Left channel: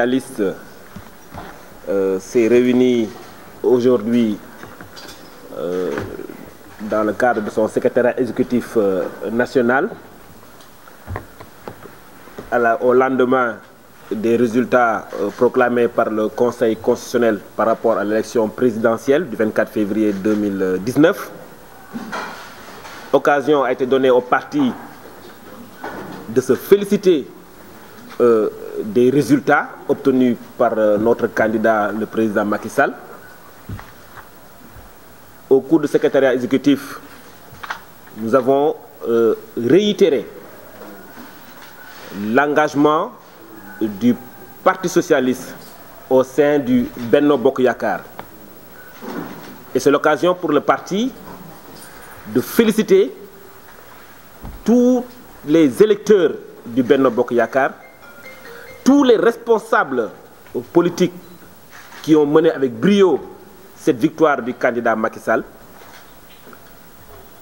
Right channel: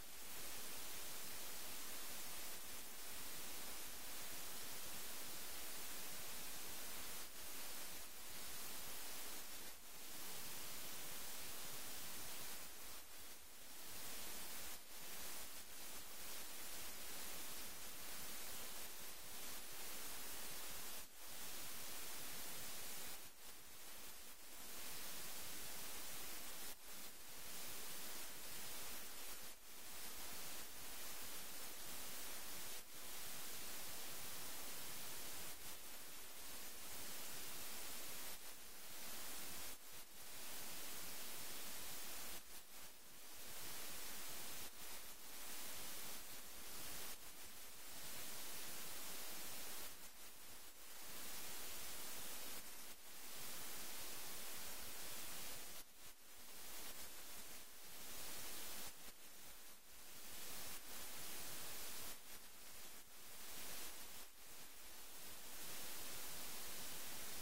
socialiste s'est réuni aujourd'hui dans le cadre de son secrétariat exécutif national au lendemain des résultats proclamés par le Conseil constitutionnel par rapport à l'élection présidentielle du 24 février 2019. Occasion a été donnée au parti de se féliciter des résultats obtenus par notre candidat, le président Macky Sall. Au cours du secrétariat exécutif, nous avons réitéré l'engagement du Parti socialiste au sein du Benno Bokk Yakaar. Et c'est l'occasion pour le parti de féliciter tous les électeurs du Benno Bokk Yakaar, tous les responsables politiques qui ont mené avec brio cette victoire du candidat Macky Sall.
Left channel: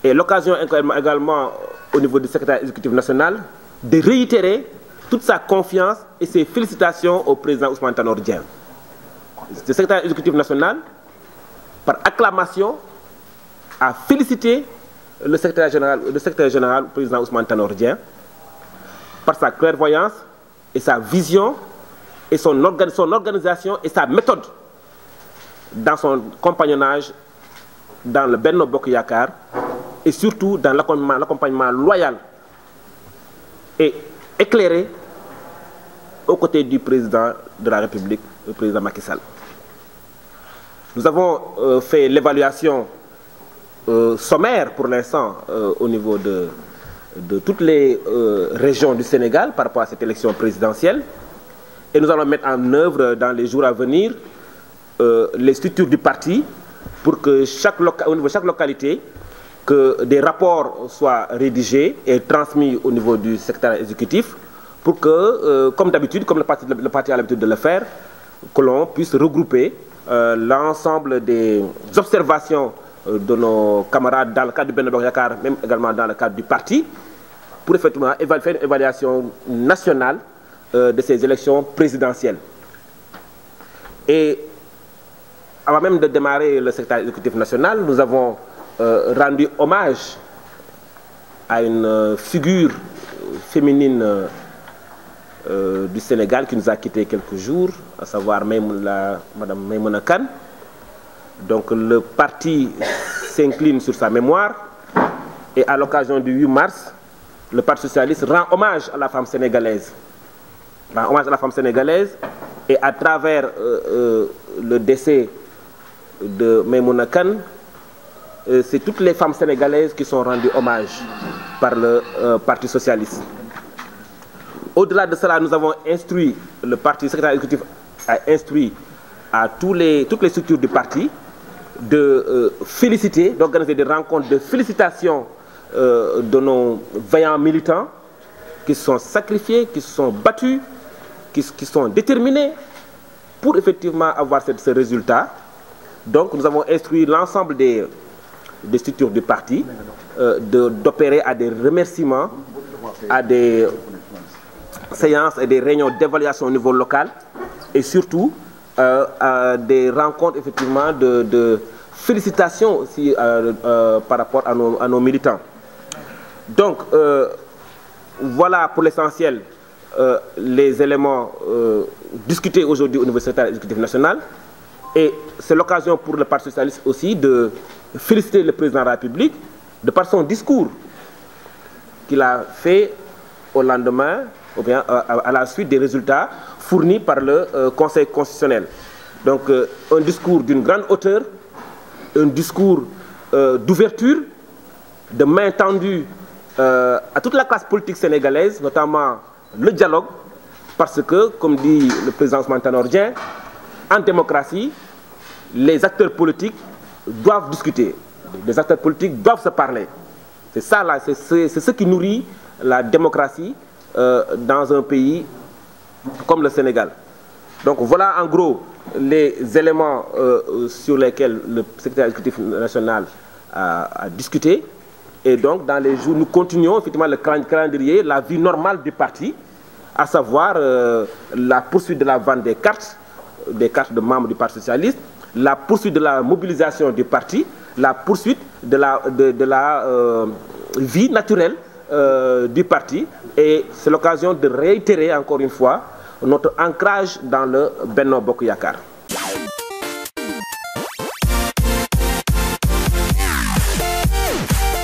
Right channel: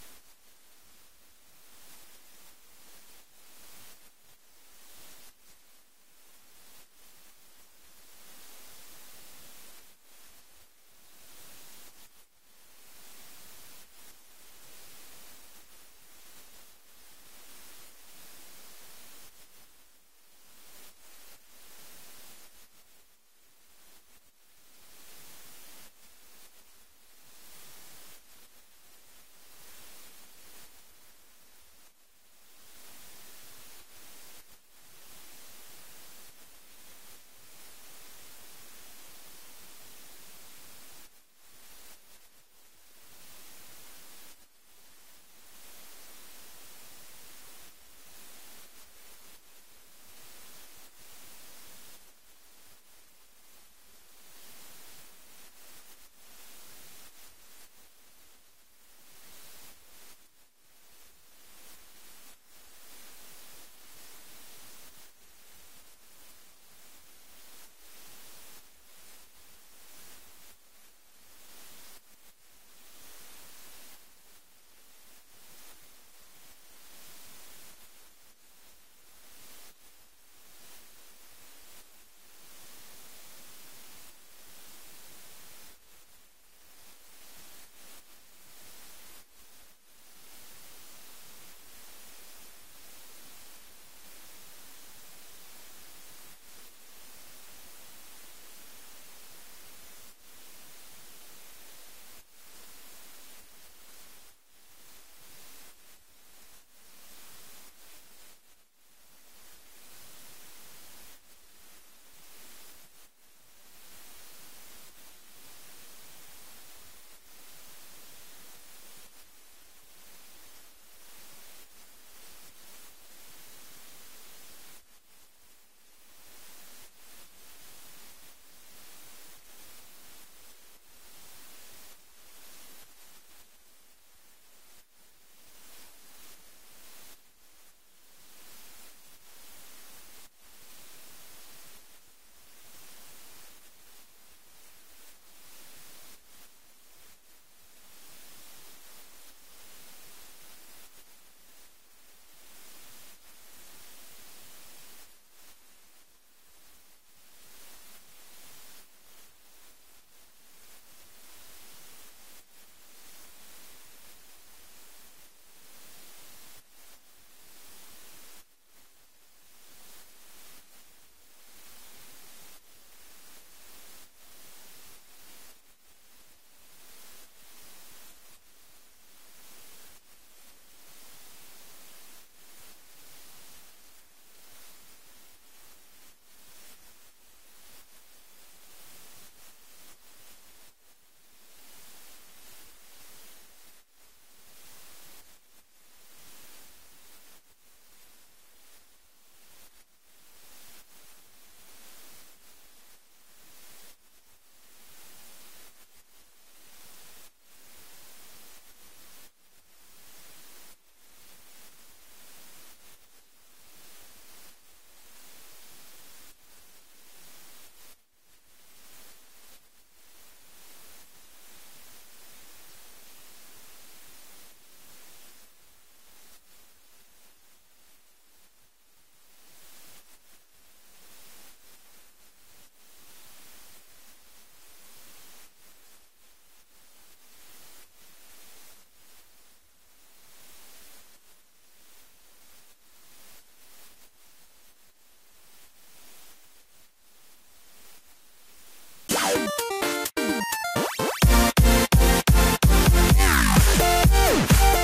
Et l'occasion également au niveau du secrétaire exécutif national de réitérer toute sa confiance et ses félicitations au président Ousmane Tanor Dieng. Le secrétaire exécutif national, par acclamation, a félicité le secrétaire général, le président Ousmane Tanor Dieng, par sa clairvoyance et sa vision et son organisation et sa méthode dans son compagnonnage dans le Benno Bokk Yakaar et surtout dans l'accompagnement loyal et éclairé aux côtés du président de la République, le président Macky Sall. Nous avons fait l'évaluation sommaire pour l'instant au niveau de toutes les régions du Sénégal par rapport à cette élection présidentielle. Et nous allons mettre en œuvre dans les jours à venir les structures du parti pour que au niveau de chaque localité, que des rapports soient rédigés et transmis au niveau du secrétariat exécutif pour que, comme d'habitude, comme le parti a l'habitude de le faire, que l'on puisse regrouper l'ensemble des observations de nos camarades dans le cadre du Benno Bokk Yakaar, même également dans le cadre du parti, pour effectivement faire une évaluation nationale de ces élections présidentielles. Et avant même de démarrer le secrétariat exécutif national, nous avons rendu hommage à une figure féminine du Sénégal qui nous a quittés quelques jours, à savoir Madame Maïmouna Kane. Donc le parti s'incline sur sa mémoire et à l'occasion du 8 mars, le Parti socialiste rend hommage à la femme sénégalaise. Et à travers le décès de Maïmouna Kane, c'est toutes les femmes sénégalaises qui sont rendues hommage par le Parti socialiste. Au-delà de cela, nous avons instruit, le parti secrétaire exécutif a instruit à toutes les structures du parti de féliciter, d'organiser des rencontres de félicitations de nos vaillants militants qui se sont sacrifiés, qui se sont battus, qui sont déterminés pour effectivement avoir ce résultat. Donc nous avons instruit l'ensemble des structures du parti d'opérer à des remerciements, à des séances et des réunions d'évaluation au niveau local et surtout à des rencontres effectivement de félicitations aussi par rapport à nos militants. Donc voilà pour l'essentiel les éléments discutés aujourd'hui au niveau du secrétariat exécutif national. Et c'est l'occasion pour le Parti socialiste aussi de féliciter le président de la République de par son discours qu'il a fait au lendemain, ou bien à la suite des résultats fournis par le Conseil constitutionnel. Donc un discours d'une grande hauteur, un discours d'ouverture, de main tendue à toute la classe politique sénégalaise, notamment le dialogue, parce que, comme dit le président Ousmane Tanor Dieng, en démocratie, les acteurs politiques doivent discuter, les acteurs politiques doivent se parler. C'est ça là, c'est ce qui nourrit la démocratie dans un pays comme le Sénégal. Donc voilà en gros les éléments sur lesquels le secrétaire exécutif national a discuté. Et donc dans les jours, nous continuons effectivement le calendrier, la vie normale du parti, à savoir la poursuite de la vente des cartes de membres du Parti socialiste, la poursuite de la mobilisation du parti, la poursuite de la vie naturelle du parti. Et c'est l'occasion de réitérer encore une fois notre ancrage dans le Benno Bokk Yakaar.